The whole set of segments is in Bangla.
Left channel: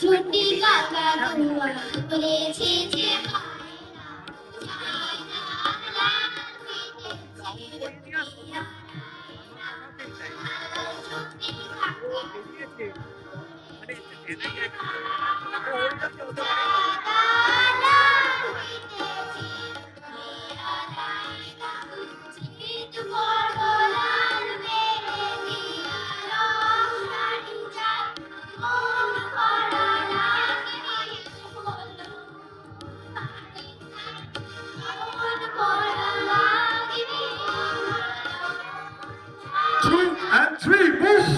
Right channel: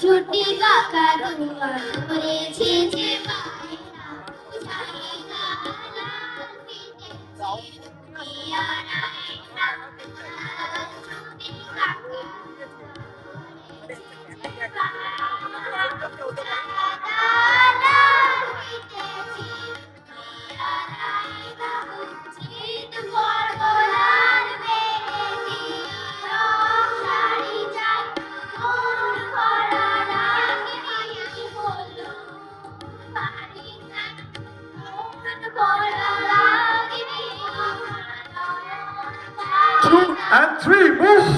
ছুটি কাকা দুয়ার করেছে যে পায়রা বুঝাই না লাল ফিটেছে পিয়ারায়রা ছুটি কাকা Two and three, move!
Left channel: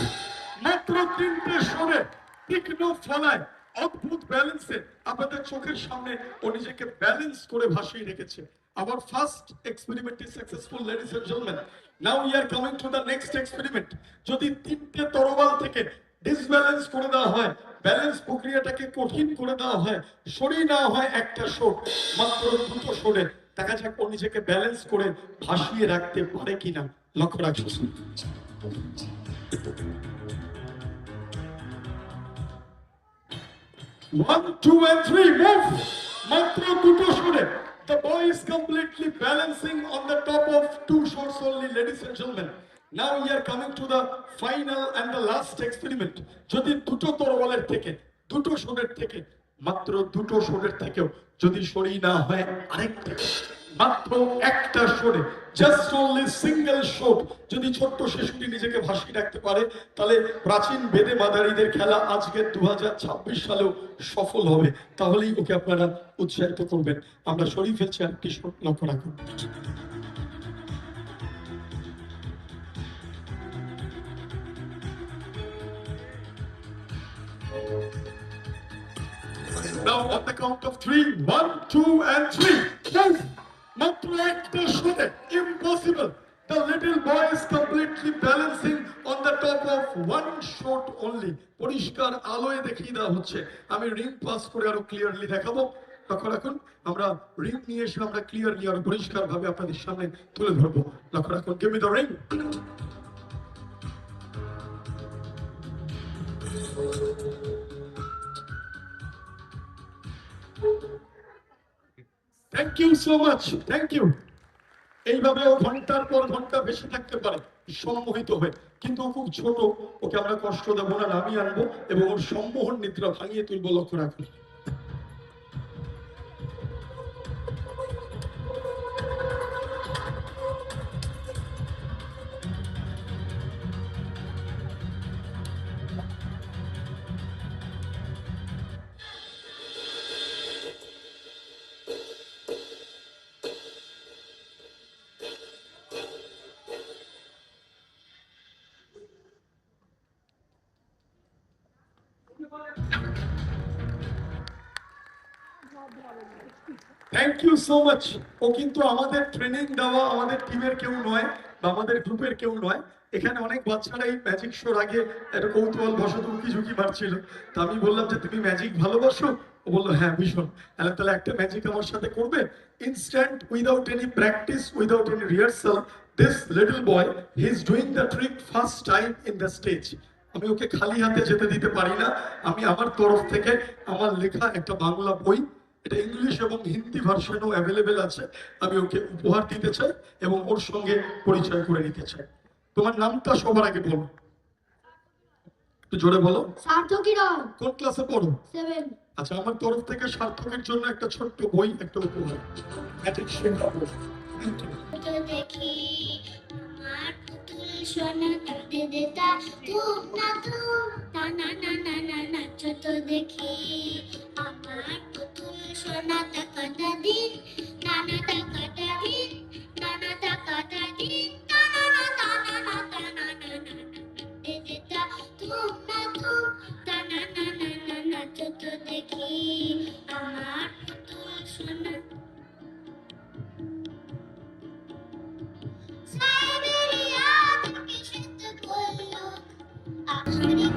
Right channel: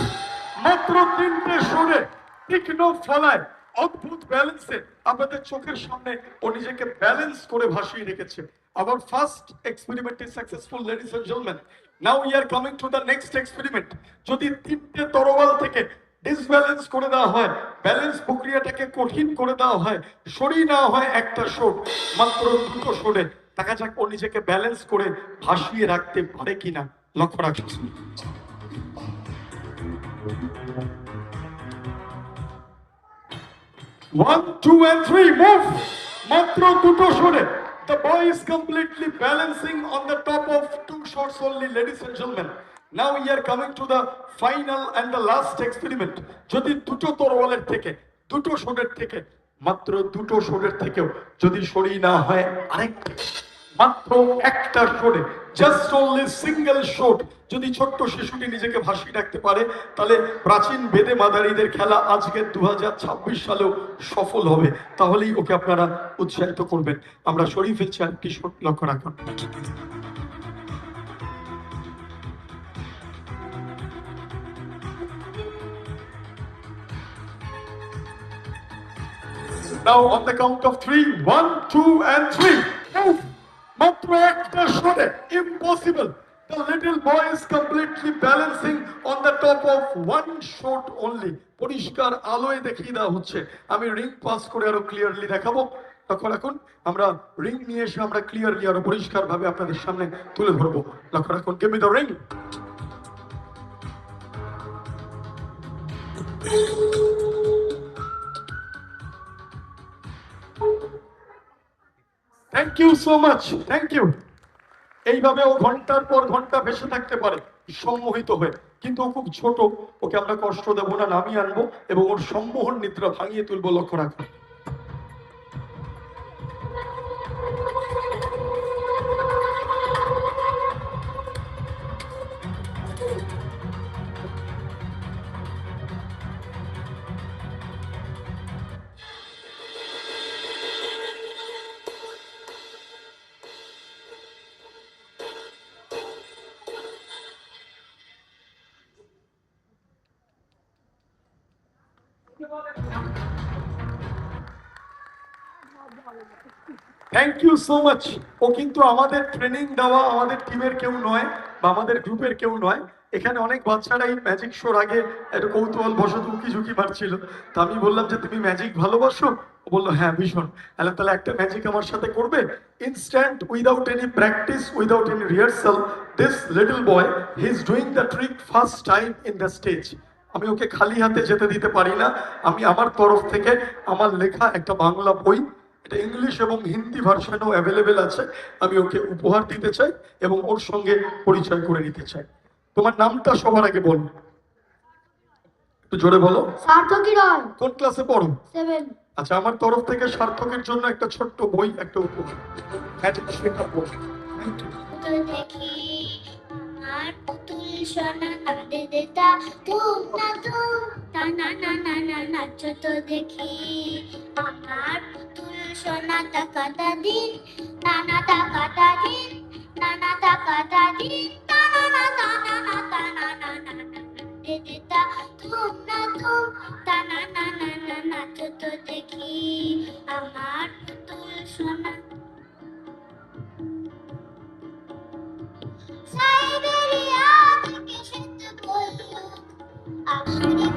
মাত্র তিনটে সরে তীক্ষ্ণ ফলায় অদ্ভুত ব্যালেন্সে আপনাদের চোখের সামনে ও নিজেকে ব্যালেন্স করে ভাসিয়ে রেখেছে। Our first experiment is successful, ladies and gentlemen. Now we are coming to the next experiment. যদি তিনটে তরোয়াল থেকে ডিসব্যালেন্স করে দেওয়া হয়, ব্যালেন্স প্রক্রিয়াটাকে কঠিন করে দেওয়া হয়, সরিয়ে নেওয়া হয় একটা শোট, মাত্র দুটো সরে দেখা যাক ও নিজেকে ব্যালেন্স করে ভাসিয়ে রাখতে পারে কিনা। লক্ষ্য রাখুন। 1, 2 and 3, move! মাত্র দুটো সরে। The boy is completely balancing on the top of two shots only, ladies and gentlemen. Now we are coming to the final and the last experiment. যদি দুটো তরোয়ালের থেকে, দুটো শটের থেকে, মাত্র দুটো শটের থেকেও যদি সরিয়ে না হয় আরেকটা, মাত্র একটা শটে, জাস্ট অনলি সিঙ্গেল শট যদি ছোট্ট শিশুটি নিজেকে ভাসিয়ে রাখতে পারে, তাহলে প্রাচীন বেদে মাদারিদের খেলা আজকে 2026 সালেও সফল হবে। তাহলেই ওকে আপনারা উৎসাহিত করবেন। আমরা সরিয়ে ফেলছি আরেকটি শট, লক্ষ্য রাখুন। Now on the count of 3, 1, 2 and 3, move! মাত্র একটা শটে, impossible. The little boy is completely balancing on the top of one shot only. পরিষ্কার আলোয় দেখিয়ে দেওয়া হচ্ছে। আমি রিং পাস করে আরো ক্লিয়ারলি দেখাবো। লক্ষ্য রাখুন, আমরা রিং নিয়ে এসে আমরা ক্লিয়ারলি আরো পরিষ্কার ভাবে আপনাদের সামনে তুলে ধরবো। লক্ষ্য রাখুন, give me the ring. Thank you so much, thank you. এইভাবে ও ঘন্টার পর ঘন্টা ভেসে থাকতে পারে সম্মোহিত হয়ে, কিন্তু ও খুব ছোট, ওকে আমরা কষ্ট দেবো না, নামিয়ে আনবো এবং ওর সম্মোহন নিদ্রা ভাঙিয়ে তুলবো। লক্ষ্য রাখুন। Thank you so much. ও কিন্তু আমাদের ট্রেনিং দেওয়া আমাদের টিমের কেউ নয় বা আমাদের গ্রুপের কেউ নয়। এখানে অনেক বাচ্চারা এই ম্যাজিক শোর আগে একটা কৌতূহল বশত উকি ঝুঁকি মারছিল। তা আমি বললাম যে তুমি ম্যাজিক ভালোবাসো? ও বললো হ্যাঁ ভীষণ। তাহলে একটা ম্যাজিক আমার সাথে করবে? Instant, without any practice, without any rehearsal, this little boy he is doing the trick first time in the stage. আমি ওকে খালি হাতে যেতে দিতে পারি না। আমি আমার তরফ থেকে আমার লেখা একটা বাংলা বই, এটা ইংলিশ এবং হিন্দি ভার্সনও অ্যাভেলেবেল আছে, আমি ওকে উপহার দিতে চাই এবং ওর সঙ্গে পরিচয় করে নিতে চাই। তোমার নামটা সবার আগে বল, একটু জোরে বলো। সার্থকী রয়। কোন ক্লাসে পড়ো? 7। আচ্ছা, আমার তরফ থেকে সার্থকের জন্য একটা ছোট্ট বই, একটা উপহার। ম্যাজিক শেখা বই। Thank you. দেখি আমার পুতুল সোনা কাঁদে দেতা তুম না তুম না না না না না নাচো তো দেখি আমার পুতুল সোনা টাকাটা দিন নানা টাকাটা দিন নানা টাকাটা দিন টানা টানা না টানা না না কাঁদে দেতা তুম না তুম টানা না না না নাচো তো দেখি আমার পুতুল সোনা সাইবেরিয়া থেকে শীত বলল আশারি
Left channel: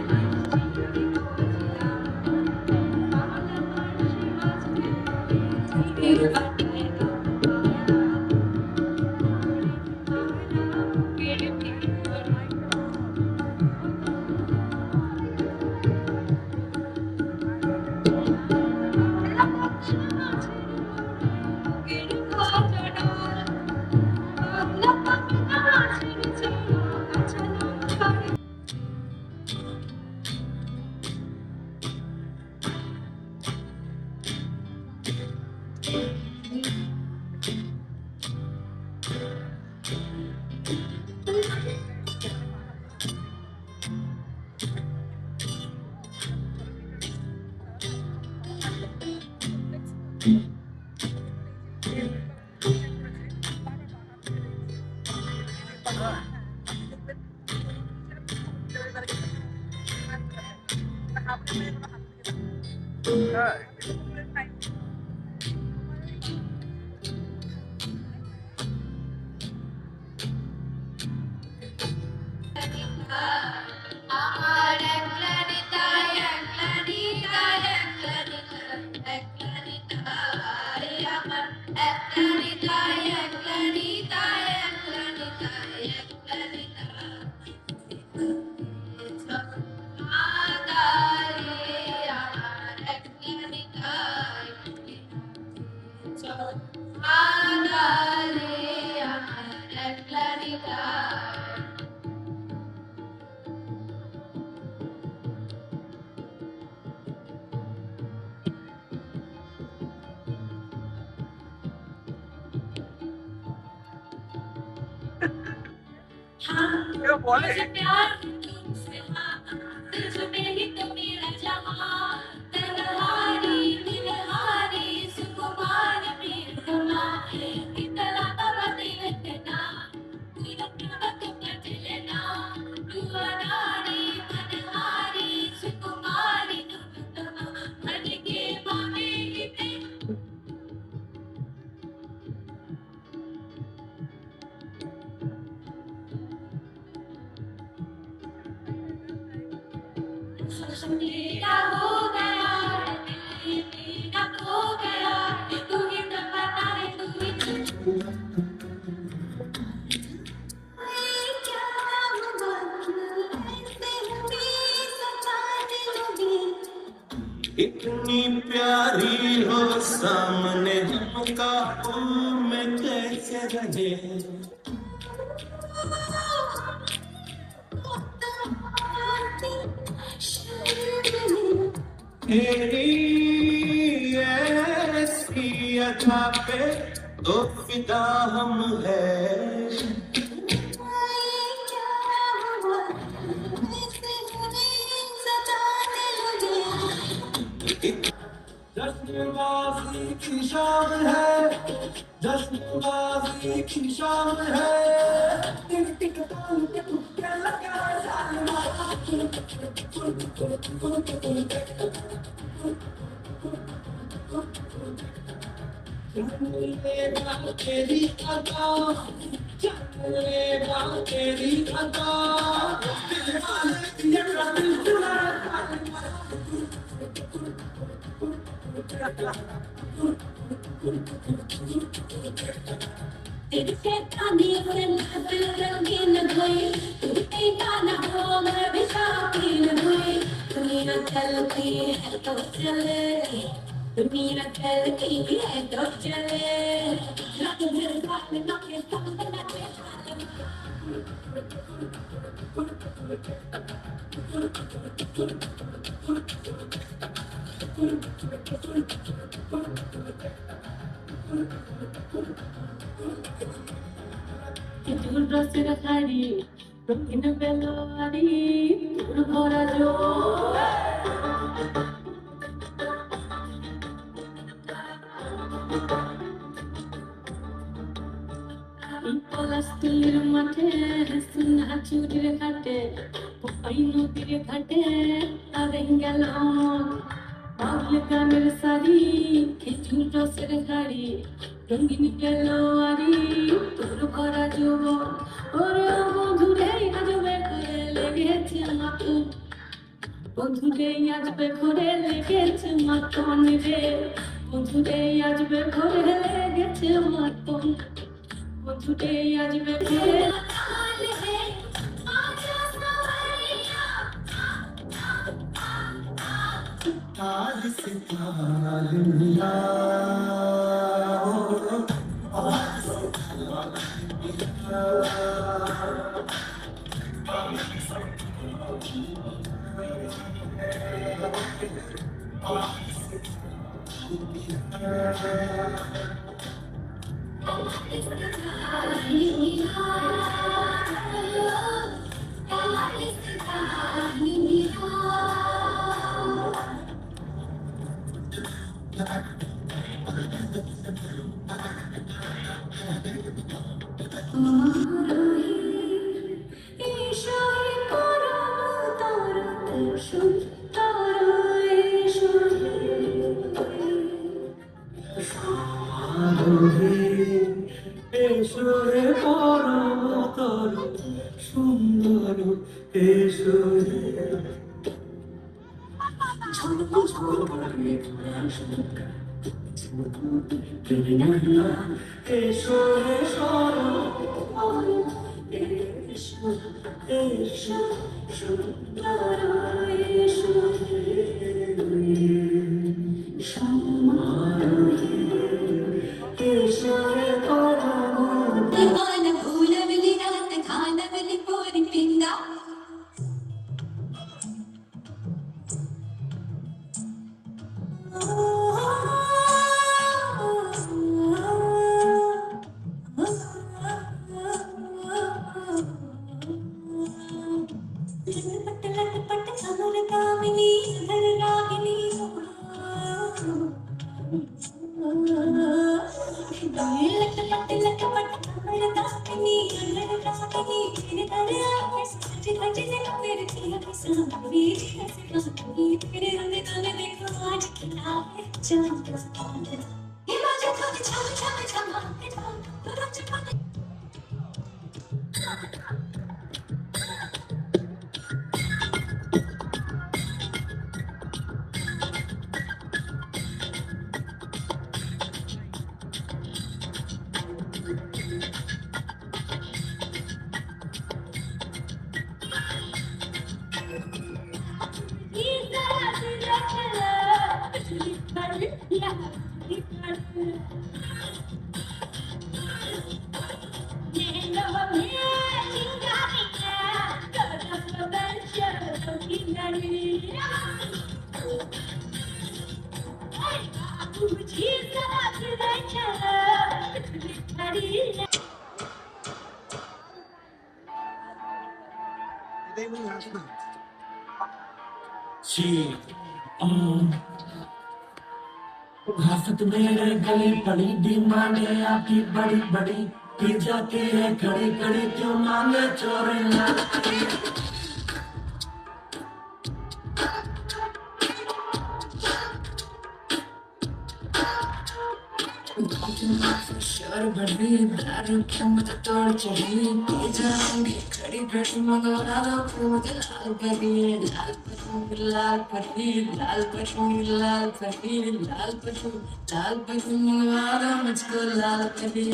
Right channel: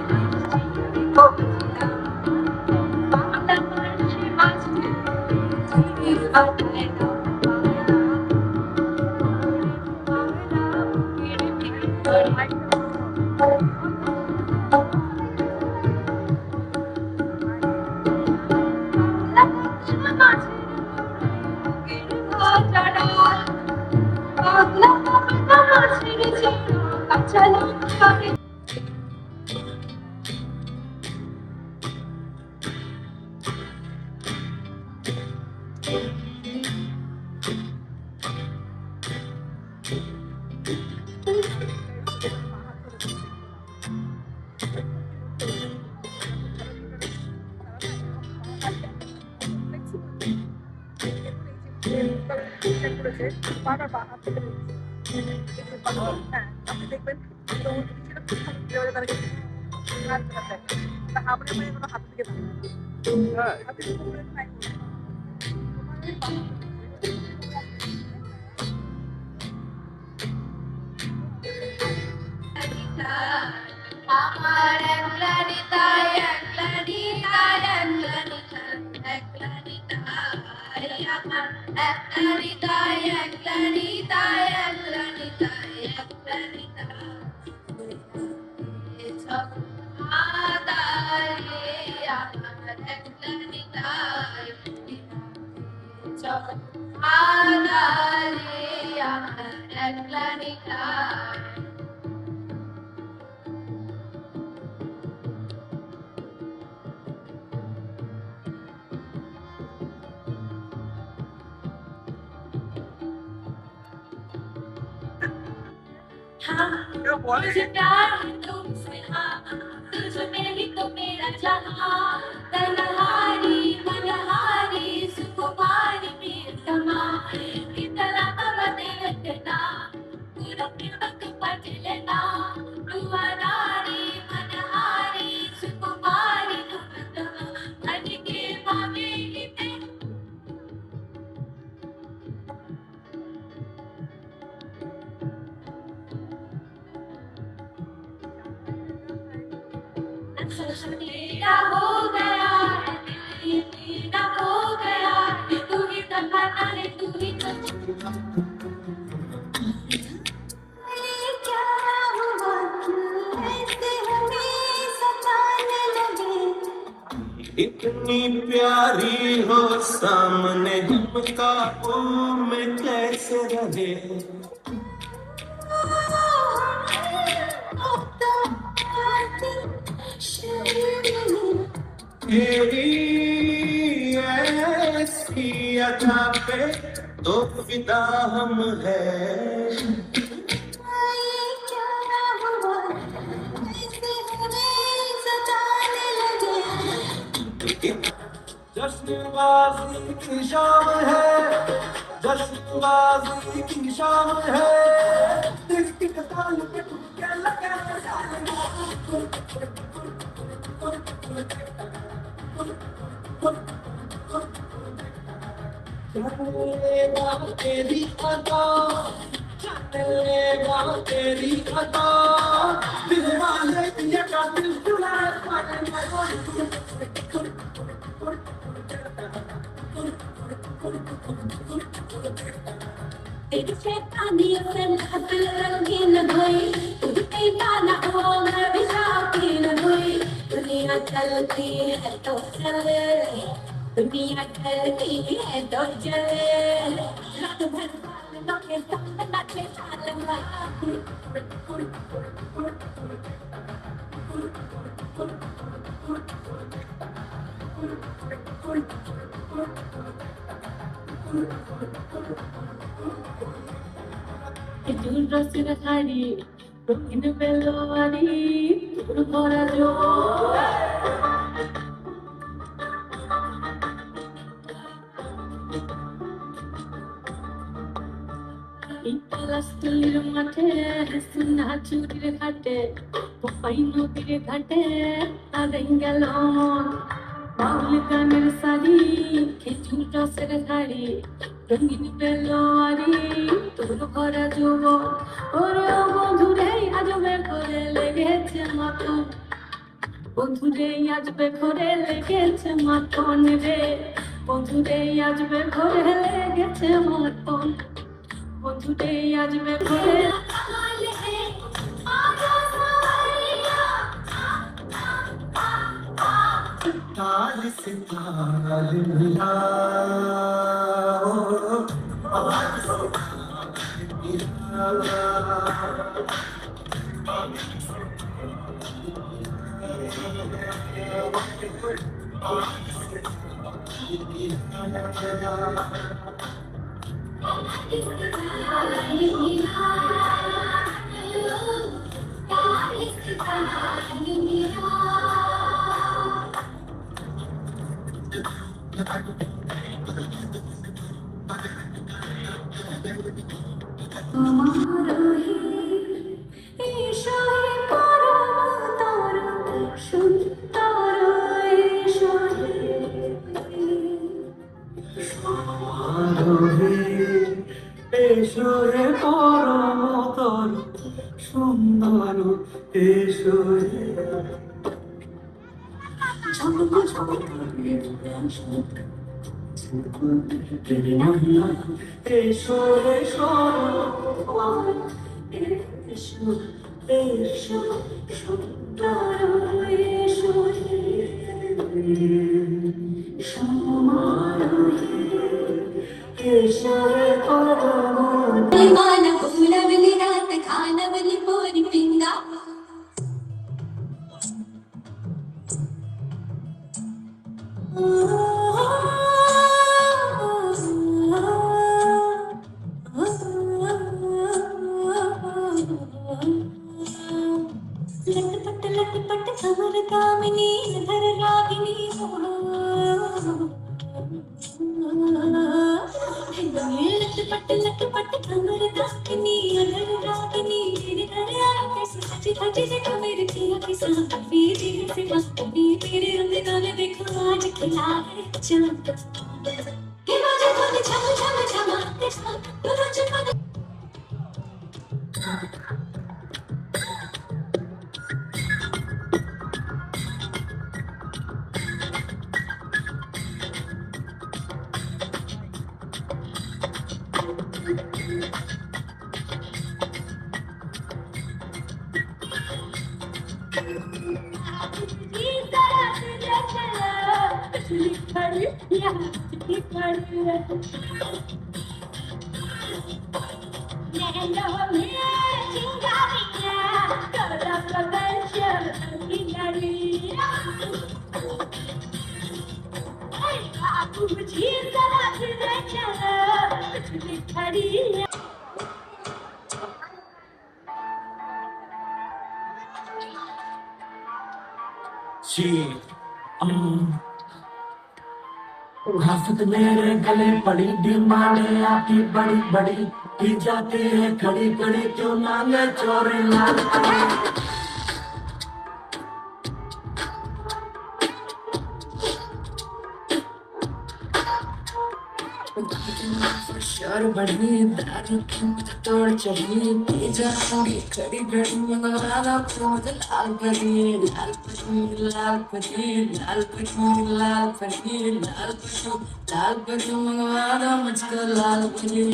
আমার একলা নিতাই, একলা নিতাই, একলা নিতাই, একলা নিতাই, আমার একলা নিতাই, একলা নিতাই, একলা নিতাই, একলা নিতাই। সব আদারে আমার একলা নিতাই, সব আদারে আমার একলা নিতাই। मुझे प्यार है तुमसे हाँ, तुझ में ही तो मेरा जहाँ, तलहारी मनहारी सुकुमारी प्रियतमा, इतना बदले इतना गुरप्रियमत पटलना, रुआनारी मनहारी सुकुमारी प्रियतमा, मन के मामे हिते मेरा हो गया है, दिल मेरा हो गया है, तू ही तमन्ना है, तू ही क्या हुआ क्यों ऐसे हमें सताने लगे। इतनी प्यारी हो सामने हम काबू में कैसे रहे। तेरी ऐसी अदा पे तो फिदा हम है। जश्नबाजी की शाम है, जश्नबाजी की शाम है। टिक टिक ताल पे तुक्के लगा चलेगा तेरी अदा, चलेगा तेरी अदा, दिल वाले ये का दिल चुराए तेरी शैतानी से महफिल रंगीन हुई, तू पीता न हो मैं भी शौकीन हुई। दुनिया चलती है तो चले, दुनिया चलती है तो चले, रात भर बालों के संग नाचे ढालना। Itu rasa tadi, mungkin belum ada, berkorar jo. Ipalas tulir mate, suna churir kate, papai nodir kate, adengalon. বাউল গানের সারি, খেজুর রসের ধারি, রঙিন বেলোয়ারি, তোর ভরা যৌবন। ওরে ও বন্ধুরে আজবে করে লেগেছে মতন, বন্ধুরে আজবে করে লেগেছে মতন রে, বন্ধুরে আজবে করে লেগেছে মতন, বন্ধুরে আজবে করে ताल से ताल मिला, आवाज से ताल मिला। Thank you. এসো এসো এসো এসো সুন্দর এসো সমারোহে এসো खाना भूला वाली रात खाना वाली पूरी पिंगा लटपट खबर कामिनी अधर रागिनी लटपट खबर कामिनी अधर रागिनी तेरे तारे आके सच सच जी तो मेरे किया किसा बीजी से मस्त भी तेरे रंग गाने देखो आज खिला है चांद के बाजे कोने छम छम छमाते छम तो रोज कोने हसत मेरे गले पड़ी डिमांडे आपकी बड़ी बड़ी की जाती है खड़ी खड़ी क्यों मांगे चोरी लाल शोर बढ़ी दारू की मुझे तोड़ चढ़ी पी जाऊंगी खड़ी खड़ी मंगवा दो मुझे लाल परी लाल परी लाल परी लाल परी लाल परी लाल परी लाल परी मंगवा दो मुझको लाल परी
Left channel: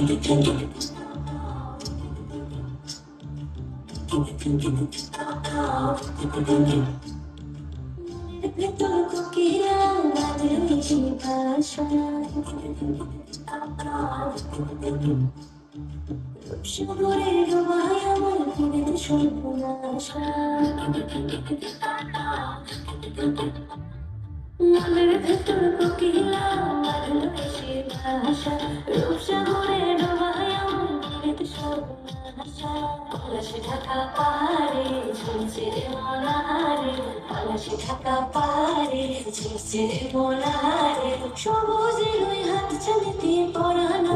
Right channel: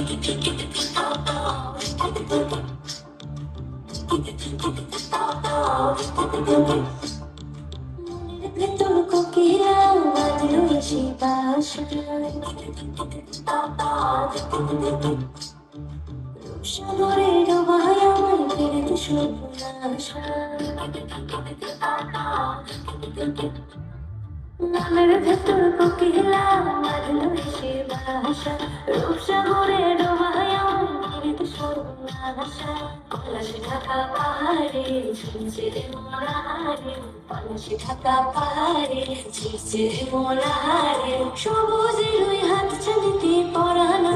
तुमको किया वादलों की भाषा সাগরে ডোবায় আমার ফেরে তো সর্বনাশা মনের ভেতর কোকিলা বাঁধলো সে ভাষা রূপসাগরে ডোবায় আমার ফেরে তো সর্বনাশা পলাশে ঢাকা পাহাড়ে ঝুলছে মনারে পলাশে ঢাকা পাহাড়ে ঝুলছে মনারে সবুজের ওই হাত ছানিতে পরানো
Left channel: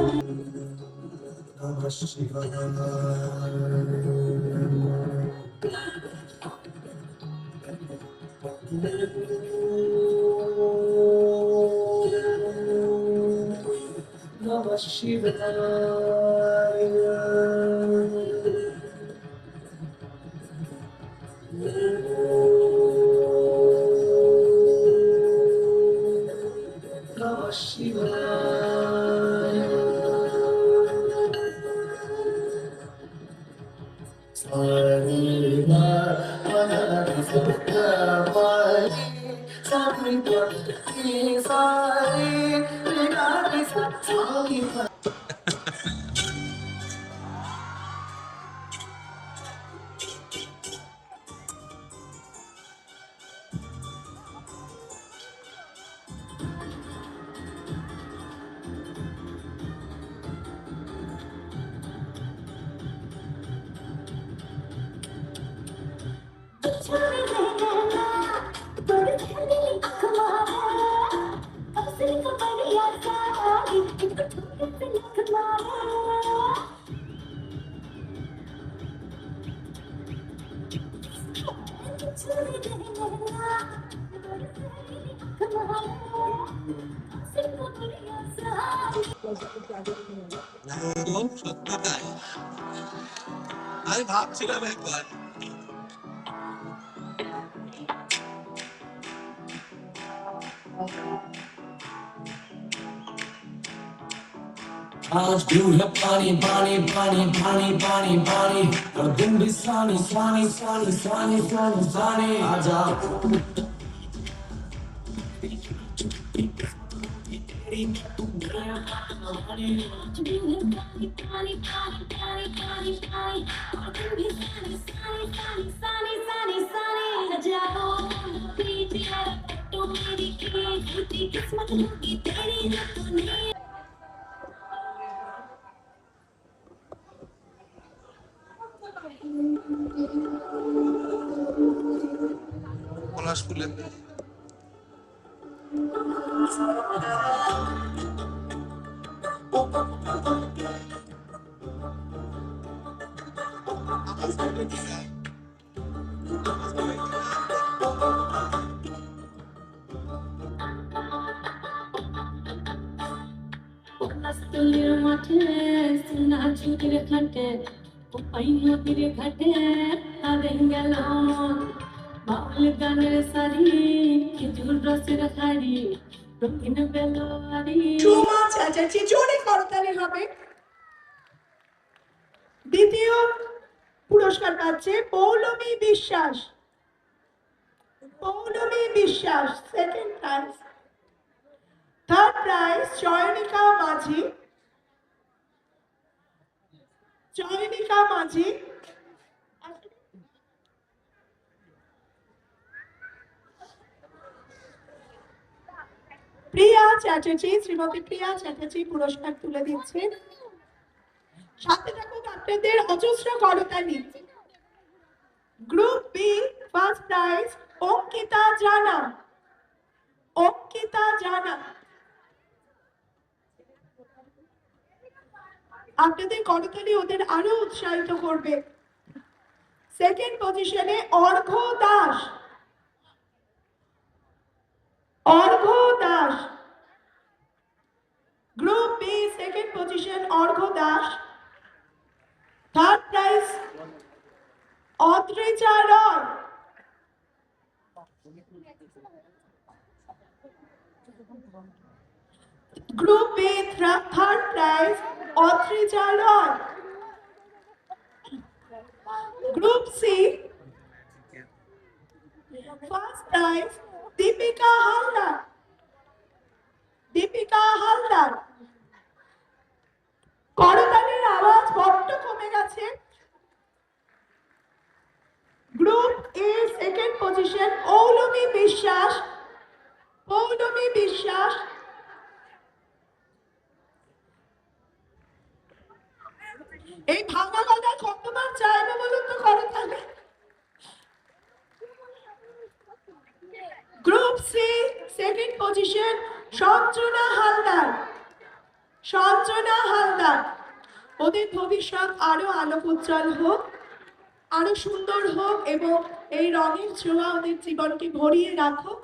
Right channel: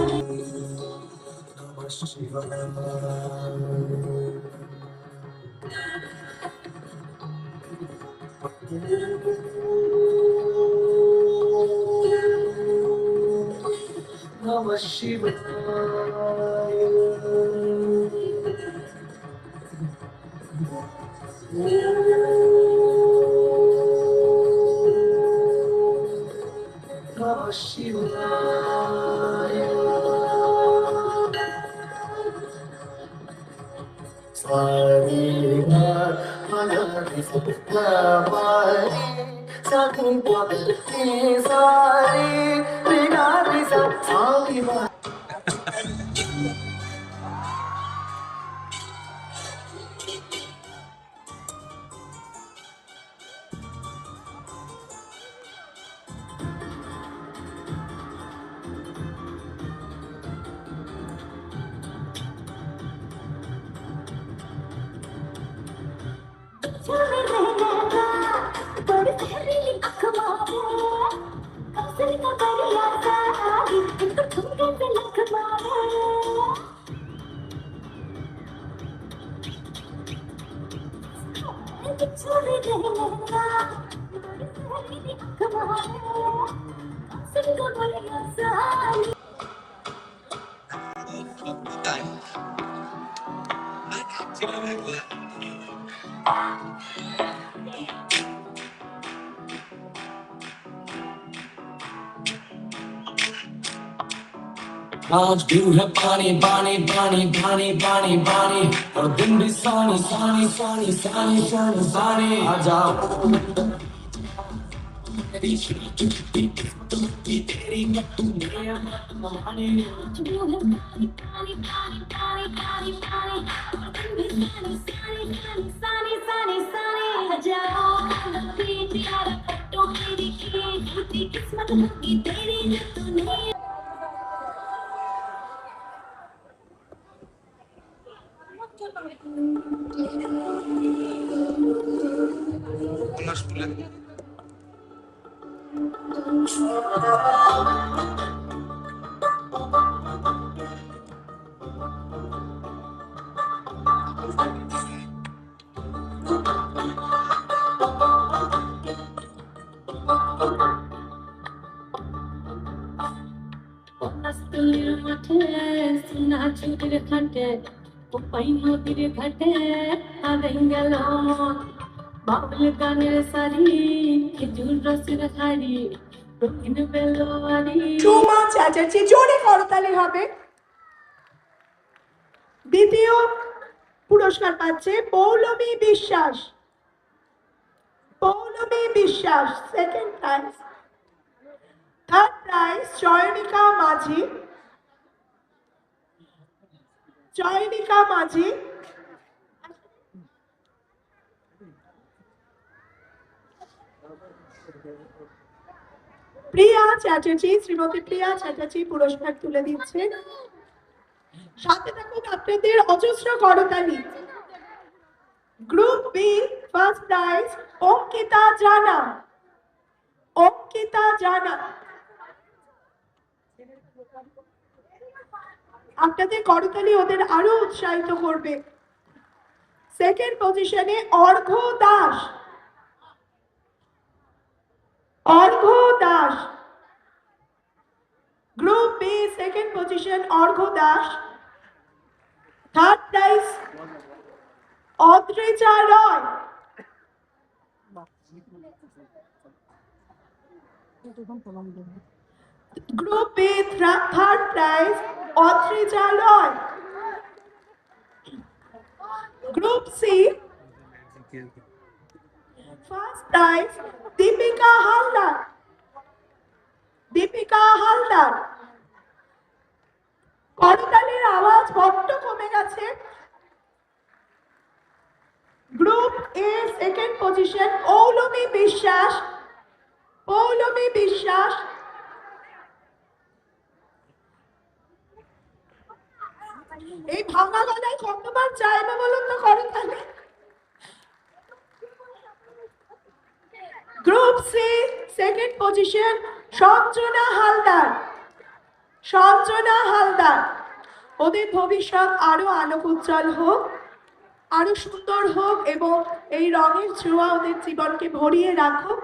Namah Shivaya. Namah Shivaya. Sarina, Manari, Sarvamari, Sakri, Sari, Rinari, Sarina. আমি ভাবছিলাম একবার आज भी है पानी पानी पानी पानी पानी पानी और दिन भी सानी सानी सानी सानी सानी सानी आ जाओ किस्मत होगी तेरी जो तूने পলাশ ফুলের পলাশতলির মাঠে সোনা চুরির ঘাটে ওপাই নদীর ঘাটে হারিয়ে গেল মন বাউল গানের সারি খেজুর রসের হাড়ি রঙিন বেলোয়ারি ঝুমা চ্যাটার্জি, জোরে করতালি হবে। দ্বিতীয় পুরস্কার পাচ্ছে পৌলমী বিশ্বাস। পৌলমী বিশ্বাস second prize. Third prize Chayanika মাঝি। চয়নিকা মাঝি। প্রিয়া চ্যাটার্জি, শ্রীমতী প্রিয়া চ্যাটার্জি পুরস্কার তুলে দিচ্ছেন। সাথে থাকুক আপনাদের অজস্র করতালি। Group B first prize Ankita Jana. Ankita জানা। আপনাদের করতালি ওদের আরো উৎসাহিত করবে। সেকেন্ড পজিশনে Arghya Das. Arghya Das. Group B second position Arghya Das. Third prize Adrija Roy. Group B third prize Adrija Roy. Group C first prize Dipika Haldar. Dipika Haldar. করতালির আওয়াজ বড্ড কমে গেছে। Group A second position Poulami Biswas. Poulami বিশ্বাস। এই ভাঙা গলায় কতবার চাইবে বলুন তো করতালি। Group C second position Sanjana Haldar. Sanjana Haldar. ওদের ভবিষ্যৎ আরো আলোক উজ্জ্বল হোক, আরো সুন্দর হোক এবং এই রঙের ছোঁয়া ওদের জীবনকে ভরিয়ে রাখুক।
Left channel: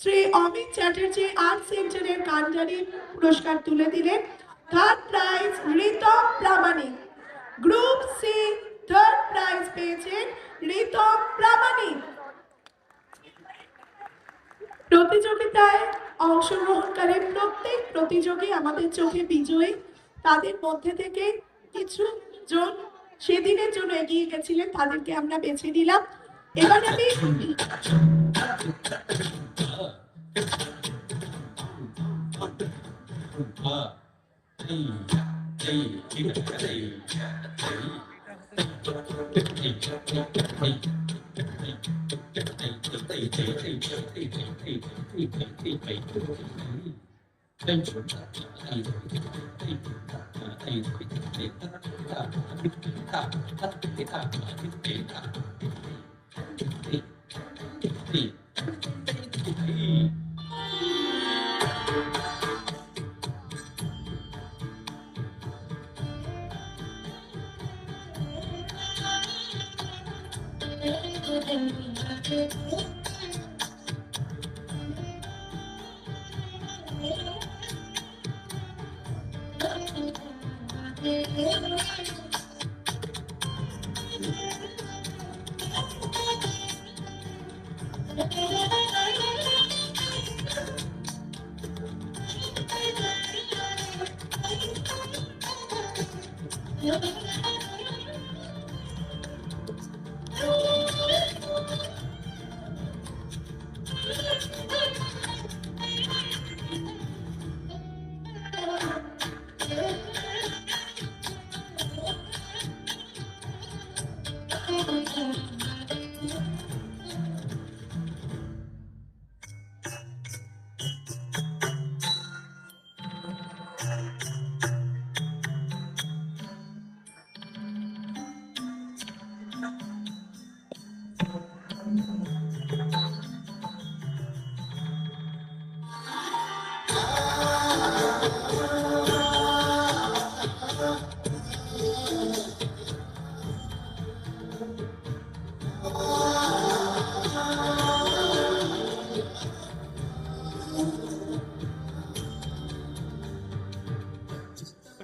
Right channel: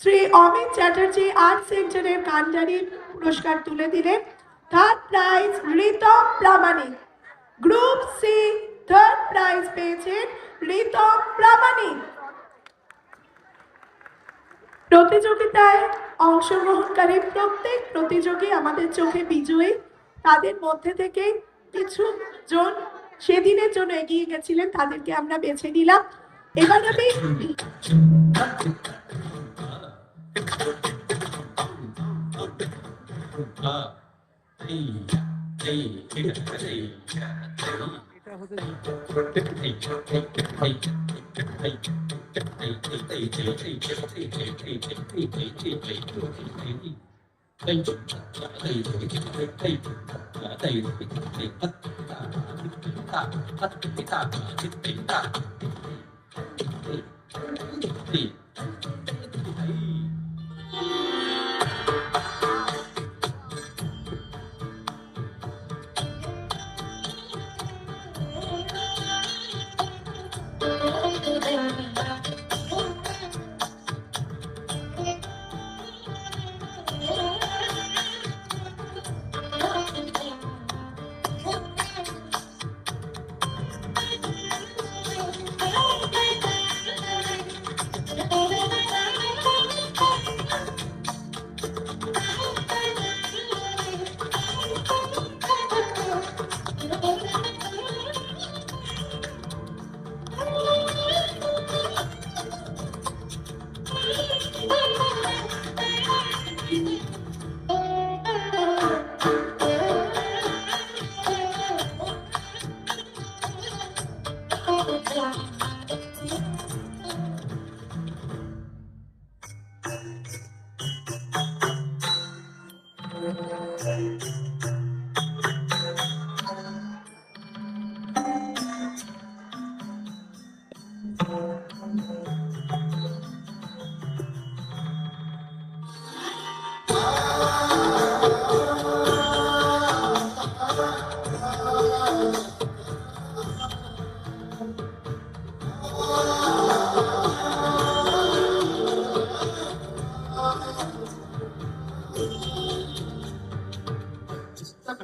শ্রী অমিত চ্যাটার্জি আর্ট সেন্টারের কান্ডারি পুরস্কার তুলে দিলেন। থার্ড প্রাইজ রিতম প্রামাণিক। গ্রুপ সি থার্ড প্রাইজ পেয়েছেন রিতম প্রামাণিক। প্রতিযোগিতায় অংশগ্রহণকারী প্রত্যেক প্রতিযোগী আমাদের চোখে বিজয়ী। তাদের মধ্যে থেকে কিছু জন সেদিনের জন্য এগিয়ে গেছিলেন, তাদেরকে আমরা বেছে নিলাম। এবার আমি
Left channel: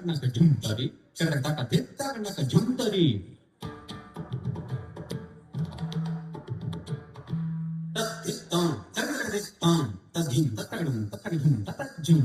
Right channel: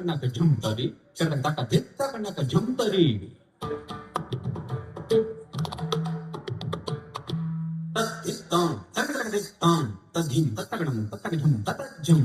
takanaka jumpari, takanaka takanaka jumpari. Takitam, takanaka tadhim, takanam, takanum, tatajum.